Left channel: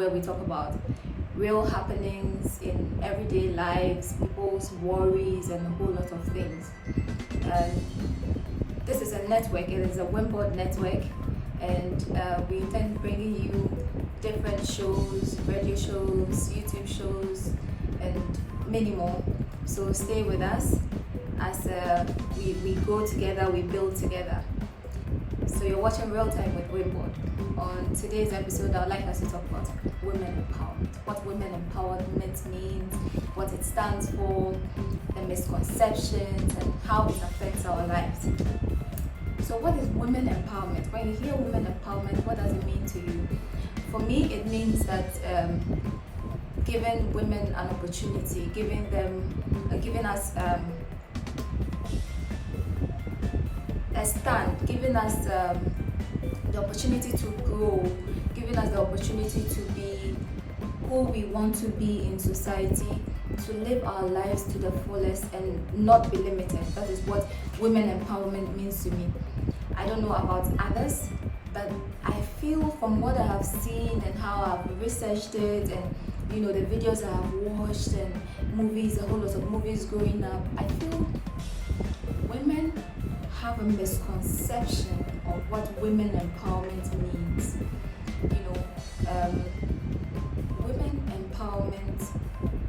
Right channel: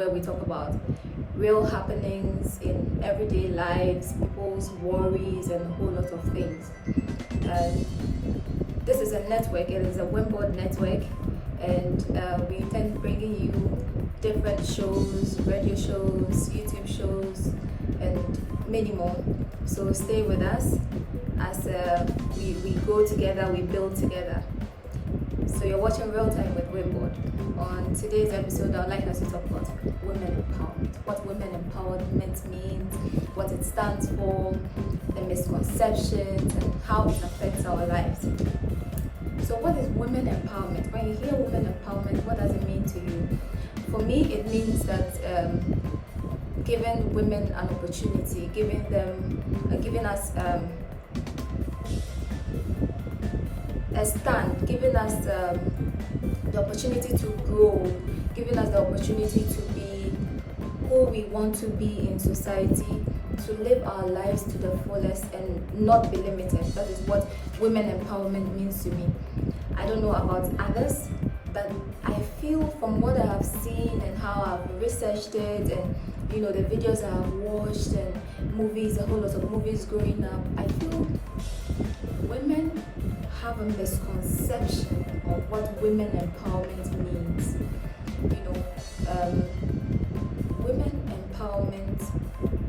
where we talk about real happenings in everyday lives, people's worries, and a whole lot of things. And this is a network, it is a Wimboard network, and we intend bringing you different shows, radio shows, YouTube shows, and many more. So stay with us as we go together, we build together. So you're watching Real Time with Wimboard. On today's episode, I'd like us to talk about women empowerment, what women empowerment means, what it stands for, the misconceptions, and how it affects our lives. So what is women empowerment? When you hear women empowerment, what does it mean to you? For me, it means that giving women an opportunity, giving us a stand, giving us the opportunity to grow, giving us the opportunity to be who we want to be in society, to live our lives to the fullest and not be limited. That is what women empowerment means to me. I don't know about others, but I feel from what I have seen and how I've researched it, and the videos I have watched and movies, a whole lot of movies growing up, I feel women have a misconception of what women empowerment means. Women empowerment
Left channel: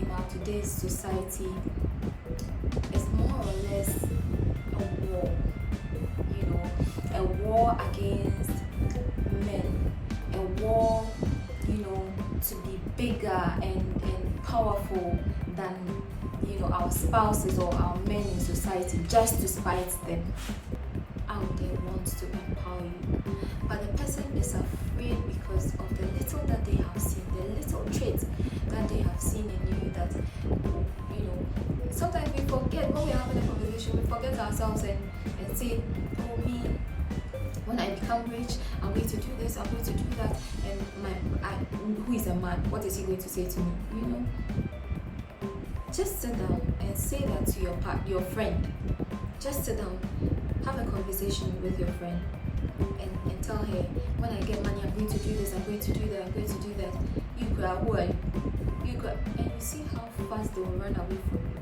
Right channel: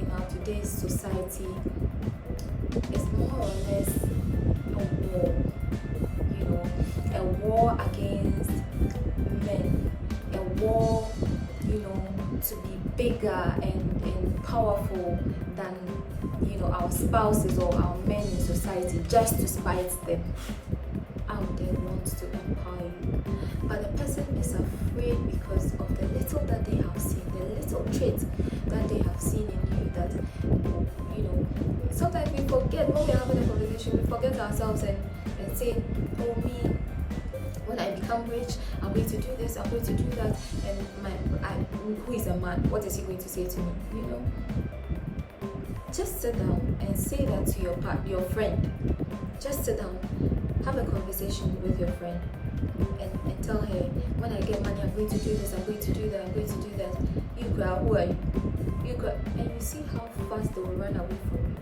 in our today's society is more or less a war against men, a war, to be bigger and powerful than our spouses or our men in society, just to spite them. Out there wants to empower you, but the person is afraid because of the little that they have seen, the little traits that they have seen in you, that sometimes we forget when we're having a conversation, we forget ourselves and say, oh, me, when I become rich, I'm going to do this, I'm going to do that, and who is a man, what is he going to say to me? Just sit down and say that to your friend. Just sit down, have a conversation with your friend, and tell her, when I get money, I'm going to do this, I'm going to do that, I'm going to do that. You cry, who are you? You cry, and you see how fast they will run away from you.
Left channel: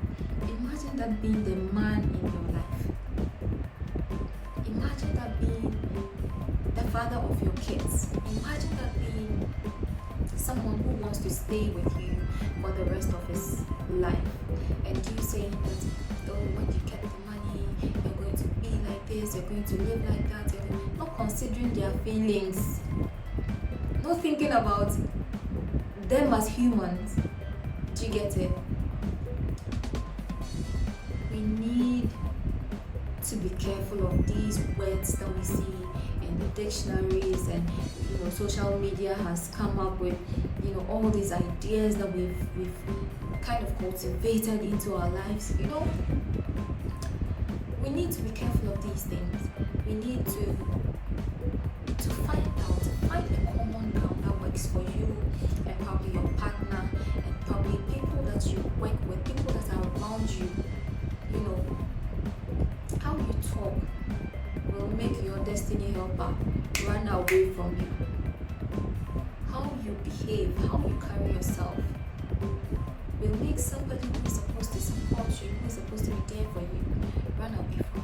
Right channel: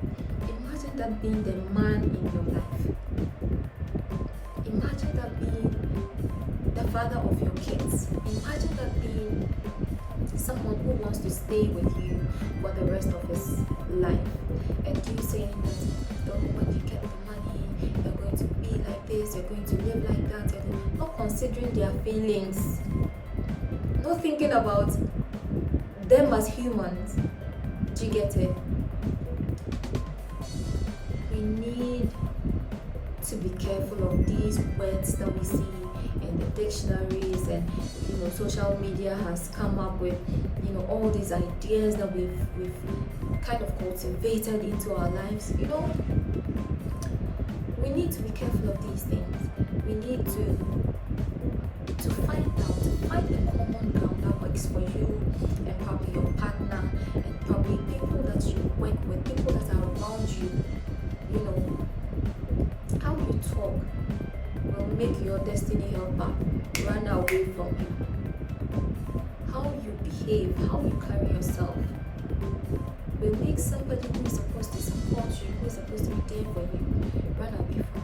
Imagine that being the man in your life. Imagine that being the father of your kids. Imagine that being someone who wants to stay with you for the rest of his life, and you saying that, oh, when you get the money, you're going to be like this, you're going to live like that, not considering their feelings, not thinking about them as humans. Do you get it? We need to be careful of these words that we see in the dictionaries, and social media has come up with all these ideas that we've kind of cultivated into our lives. We need to be careful of these things. We need to find a common ground that works for you and probably your partner and probably people that you work with, people that are around you. How you talk will make your destiny helper run away from you. How you behave, how you carry yourself will make somebody who is supposed to support you, who is supposed to be there for you, run away from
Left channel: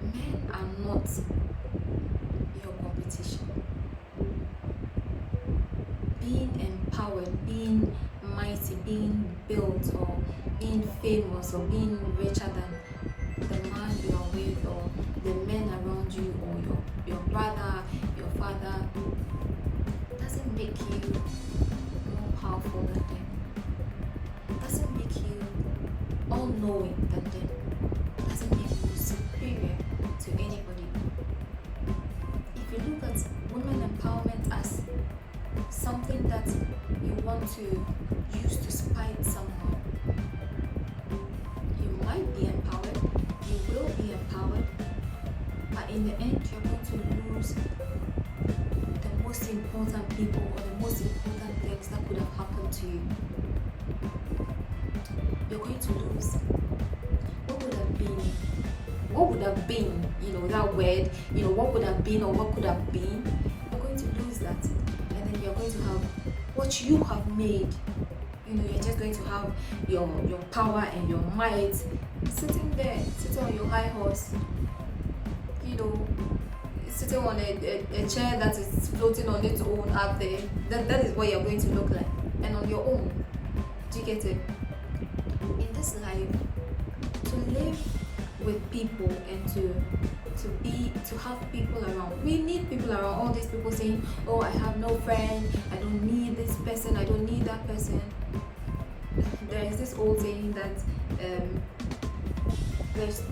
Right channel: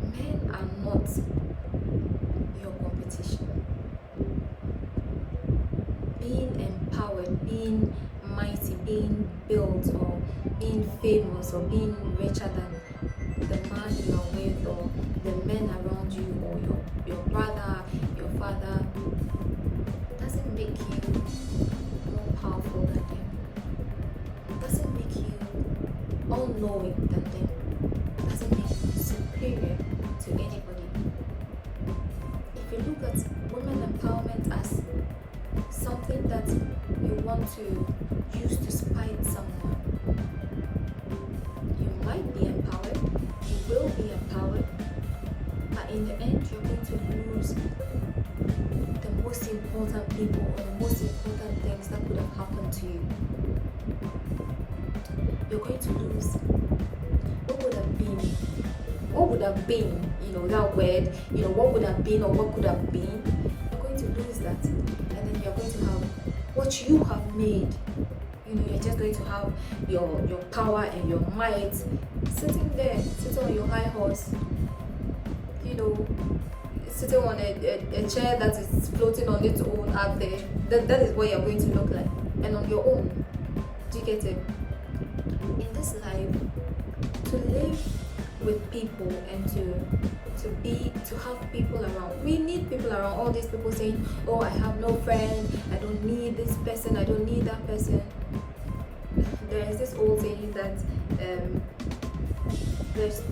you. Men are not your competition. Being empowered, being mighty, being built, or being famous, or being richer than the man you are with, or the men around you, or your brother, your father, doesn't make you more powerful than them. Doesn't make you all-knowing than them. Doesn't make you superior to anybody. If you look at women empowerment as something that you want to use to spite someone, you might be empowered, you will be empowered, but in the end you're going to lose the most important people or the most important things that could have happened to you. You're going to lose what would have been what would have been, that word, what would have been or what could have been, you're going to lose that. And then you're going to have what you have made. You're just going to have your power and your might sitting there, sitting on your high horse, sitting on a chair that is floating on its own up there. That is what you're going to look like, and on your own. Do you get it? In this life, to live with people and to have people around. We need people around. All these people saying, oh, I have no friend, I don't need this person, I don't need that person. There is this old saying that there's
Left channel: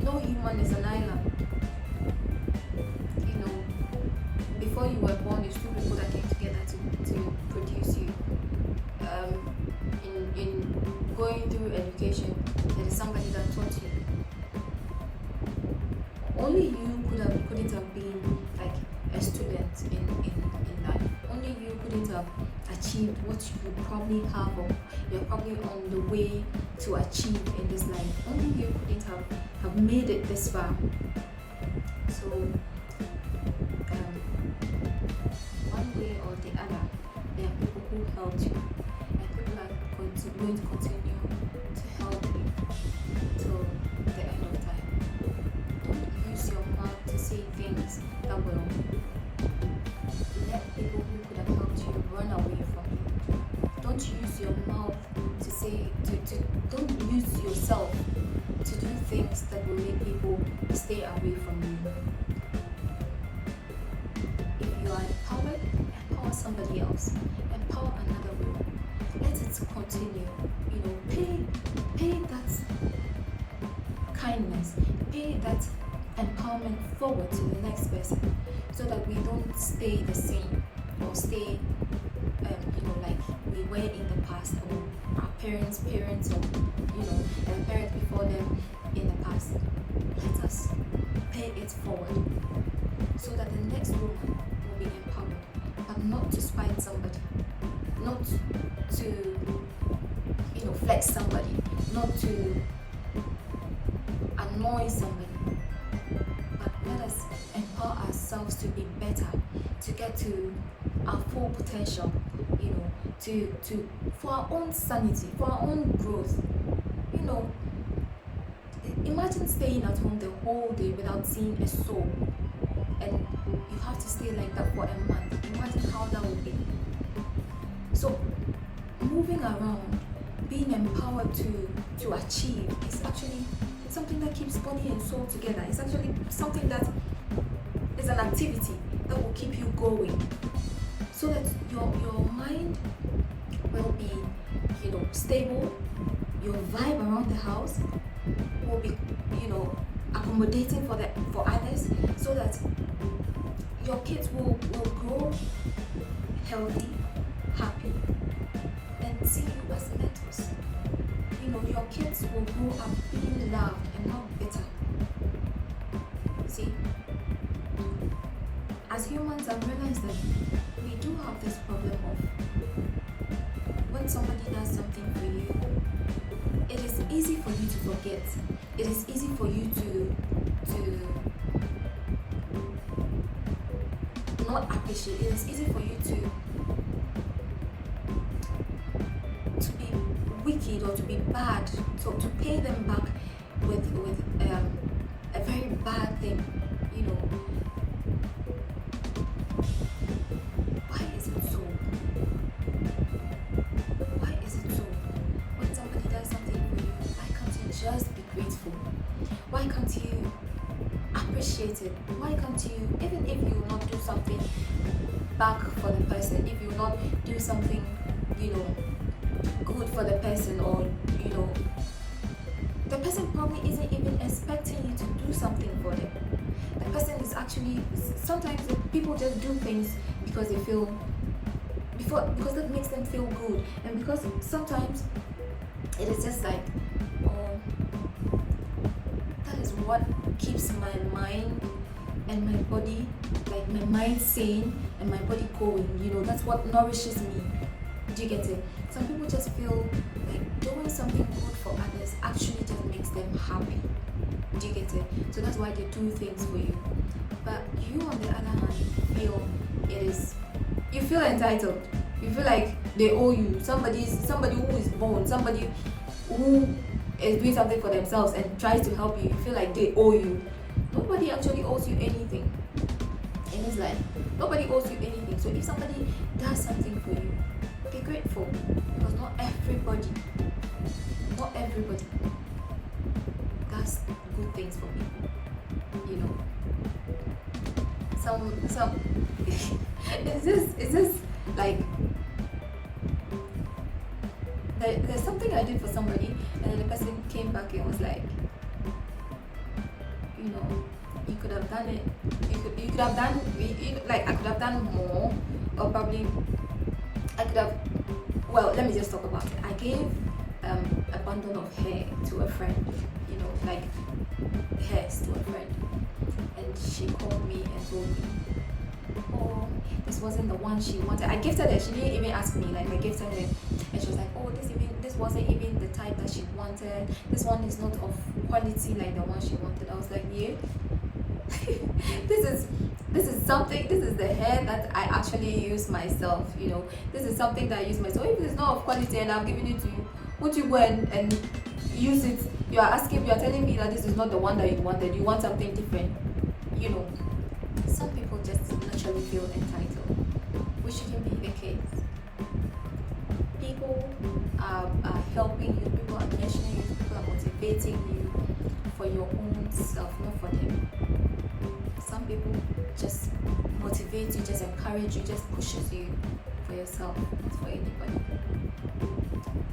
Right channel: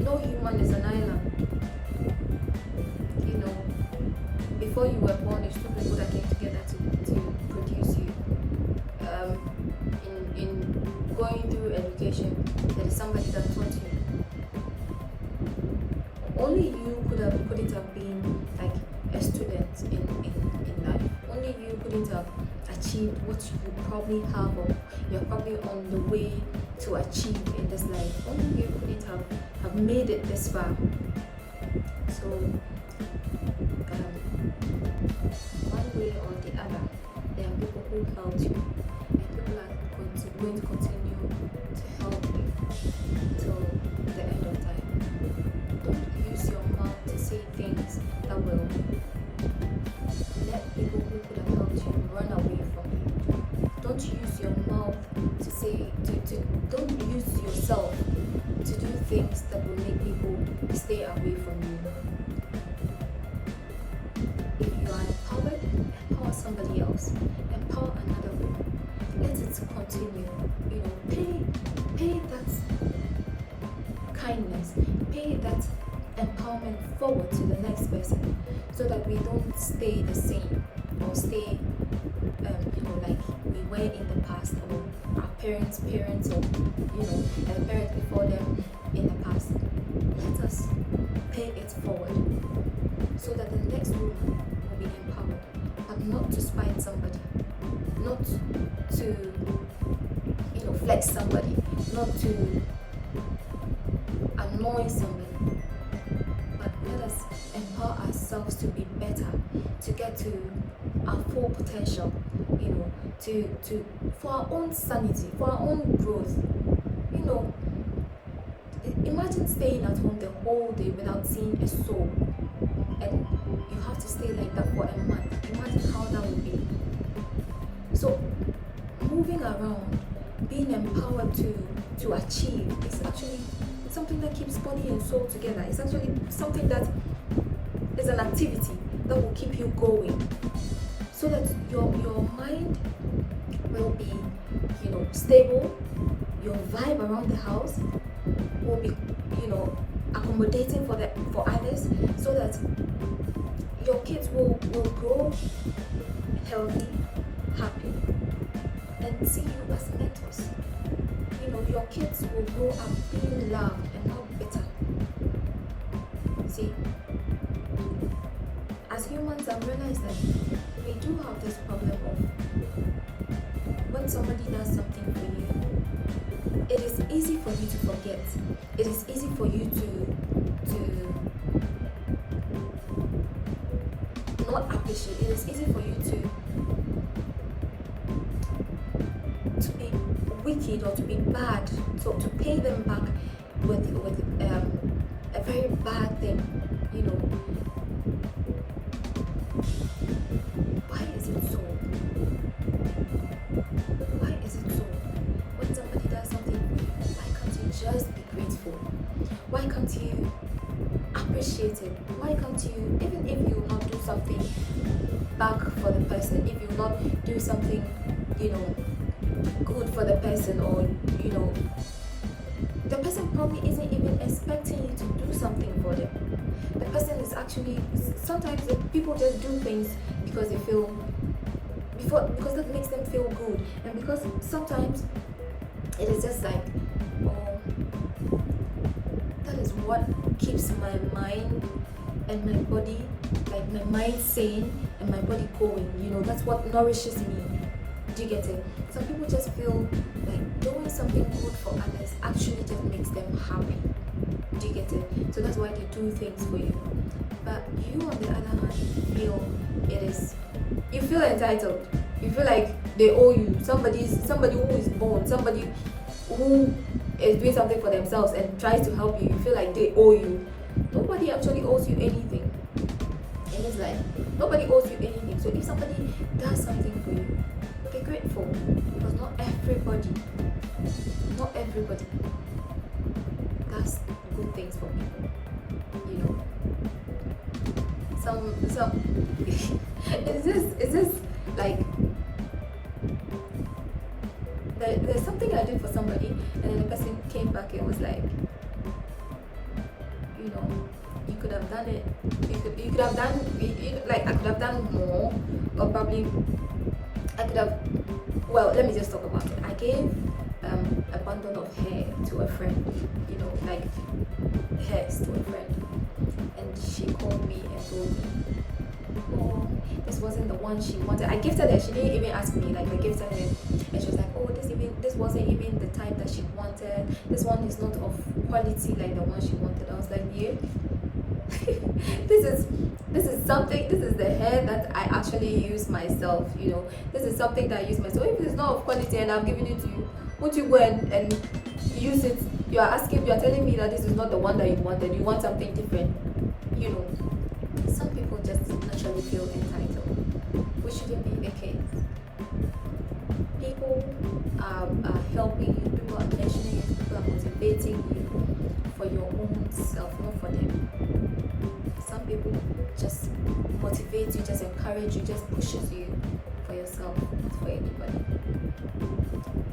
no human is an island. Before you were born, it's two people that came together to produce you. In going through education, there is somebody that taught you. Only you couldn't have been like a student in life. Only you couldn't have achieved what you probably have, or you're probably on the way to achieve in this life. Only you couldn't have made it this far. So one way or the other, there are people who helped you, and people are going to continue to help you till the end of time. Don't use your mouth to say things that will let people who could have helped you run away from you. Don't use your mouth to say, don't use yourself to do things that will make people stay away from you. If you are empowered, empower somebody else. Empower another woman. Let it continue. Pay that kindness, pay that empowerment forward to the next person, so that we don't stay the same or stay like we were in the past, or our parents, or and parents before them in the past. Let us pay it forward so that the next woman will be empowered, but not to spite somebody, not to flex somebody, not to annoy somebody, but let us empower ourselves to be better, to get to our full potential, for our own sanity, for our own growth. Imagine staying at home the whole day without seeing a soul, and you have to stay like that for a month. Imagine how that would be. So moving around, being empowered to achieve is actually something that keeps body and soul together. It's actually something that is an activity that will keep you going, so that your mind will be stable. Your vibe around the house will be accommodating for others, so that your kids will grow healthy, happy, and see you as mentors. Your kids will grow up being loved and not bitter. See, as humans, I've realized that we do have this problem of when somebody does something for you, it is easy for you to forget. It is easy for you to not appreciate. It is easy for you to be wicked or to be bad, so to pay them back with a very bad thing. Why is it so? Why is it so? When somebody does something for you, why can't you just be grateful? Why can't you appreciate it? Why can't you, even if you will not do something back for the person, if you will not do something, good for the person, or the person probably isn't even expecting you to do something for them. The person is actually, sometimes people just do things because they feel, because that makes them feel good, and because sometimes it is just like, that is what keeps my mind and my body, like my mind sane and my body going. That's what nourishes me. Do you get it? Some people just feel like doing something good for others actually just makes them happy. Do you get it? So that's why they do things for you. But you, on the other hand, you feel entitled. You feel like they owe you. Somebody who is born, somebody who is doing something for themselves and tries to help you. You feel like they owe you. Nobody actually owes you anything in this life. Nobody owes you anything. So if somebody does something for you, be grateful, because not everybody does good things for people. You know, some it's just like there's something I did for somebody, and then the person came back and was like, you know, you could have done it. You could have done, like, I could have done more, or probably I could have. Well, let me just talk about it. I gave a bundle of hair to a friend, you know, like hairs to a friend, and she called me and told me, oh, this wasn't the one she wanted. I gifted her. She didn't even ask me. Like, I gifted her, and she was like, oh, this wasn't even the type that she wanted. This one is not of quality like the one she wanted. I was like, yeah. This is something. This is the hair that I actually use myself. You know, this is something that I use myself. If it's not of quality and I've given it to you, would you go and use it? You are telling me that this is not the one that you wanted. You want something different. You know, some people just naturally feel entitled, which shouldn't be the case. People are helping you. People are mentioning you. People are motivating you for your own self, not for them. Some people just motivate you, just encourage you, just pushes you for yourself, not for anybody.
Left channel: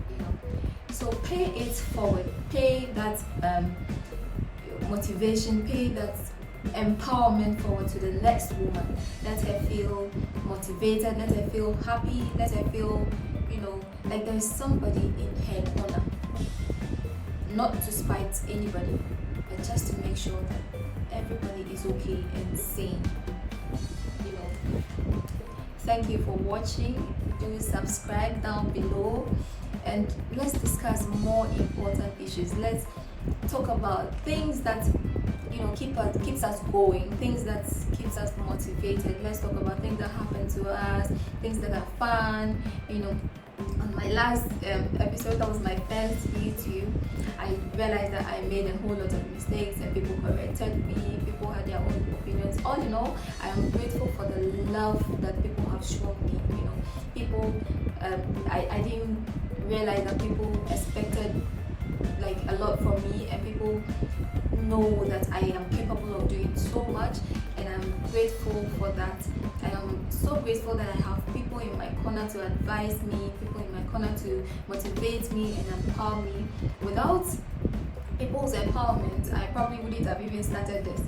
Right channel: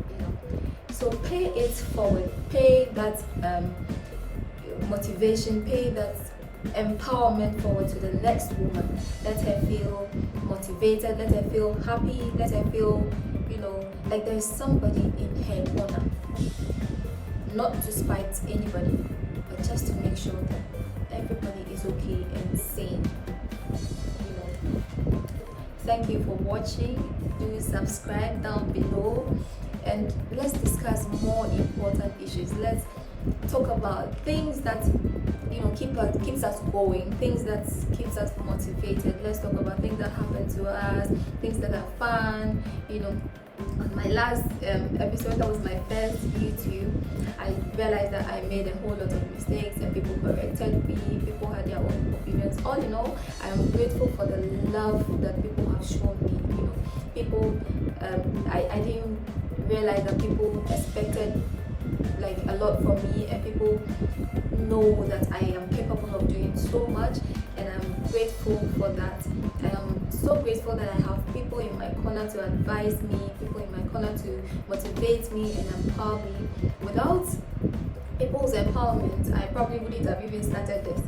You know, so pay it forward. Pay that motivation. Pay that empowerment forward to the next woman. Let her feel motivated. Let her feel happy. Let her feel, you know, like there is somebody in her corner. Not to spite anybody, but just to make sure that everybody is okay and sane. You know. Thank you for watching. Do subscribe down below, and let's discuss more important issues. Let's talk about things that, you know, keeps us going, things that keeps us motivated. Let's talk about things that happen to us, things that are fun. You know, on my last episode, that was my first YouTube, I realized that I made a whole lot of mistakes and people corrected me. People had their own opinions. All in all, I am grateful for the love that people have shown me. You know, people, I didn't realize that people expected like a lot from me, and people know that I am capable of doing so much, and I'm grateful for that. And I'm so grateful that I have people in my corner to advise me, people in my corner to motivate me and empower me. Without people's empowerment, I probably wouldn't have even started this.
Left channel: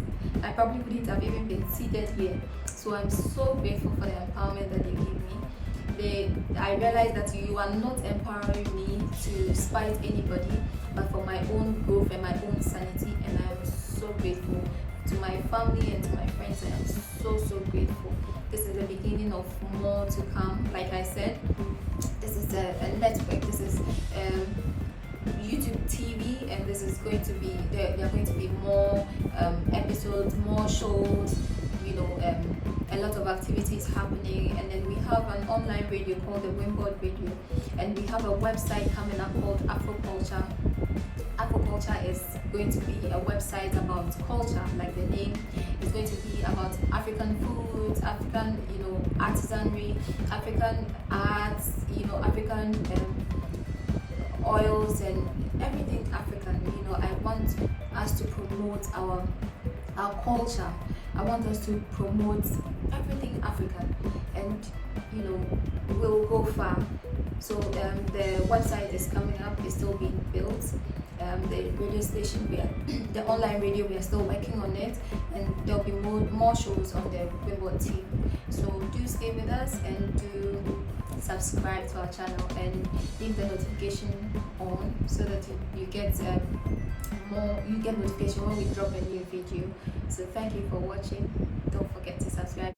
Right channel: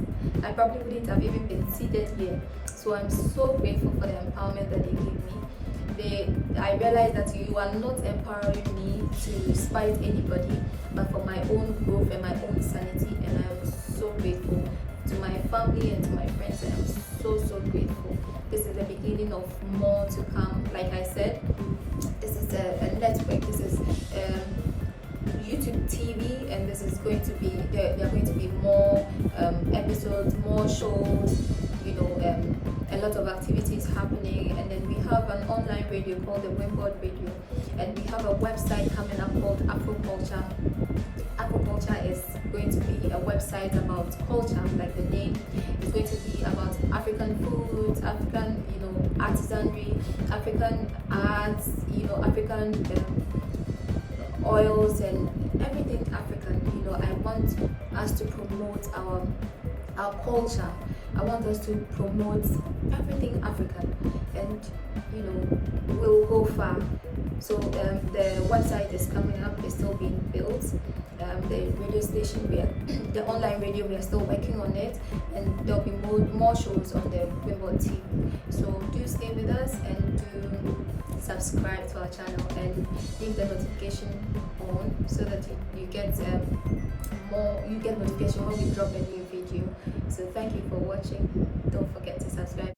I probably wouldn't have even been seated here. So I'm so grateful for the empowerment that they give me. I realized that you are not empowering me to spite anybody, but for my own growth and my own sanity. And I am so grateful to my family and to my friends. I am so grateful. This is the beginning of more to come. Like I said, this is a network. This is YouTube TV, and this is going to be there are going to be more episodes, more shows, you know, a lot of activities happening. And then we have an online radio called the Wimboard Radio, and we have a website coming up called Afroculture. Afroculture is going to be a website about culture, like the name. It's going to be about African foods, African, you know, artisanry, African arts, you know, African oils and everything African. You know, I want us to promote our culture. I want us to promote everything African, and you know, we'll go far. So the website is coming up, it's still being built. The radio station, the online radio, we are still working on it, and there'll be more shows on the Wimboard TV. So do stay with us and do subscribe to our channel and leave the notification on so that you get notification when we drop a new video. So thank you for watching. Don't forget to subscribe.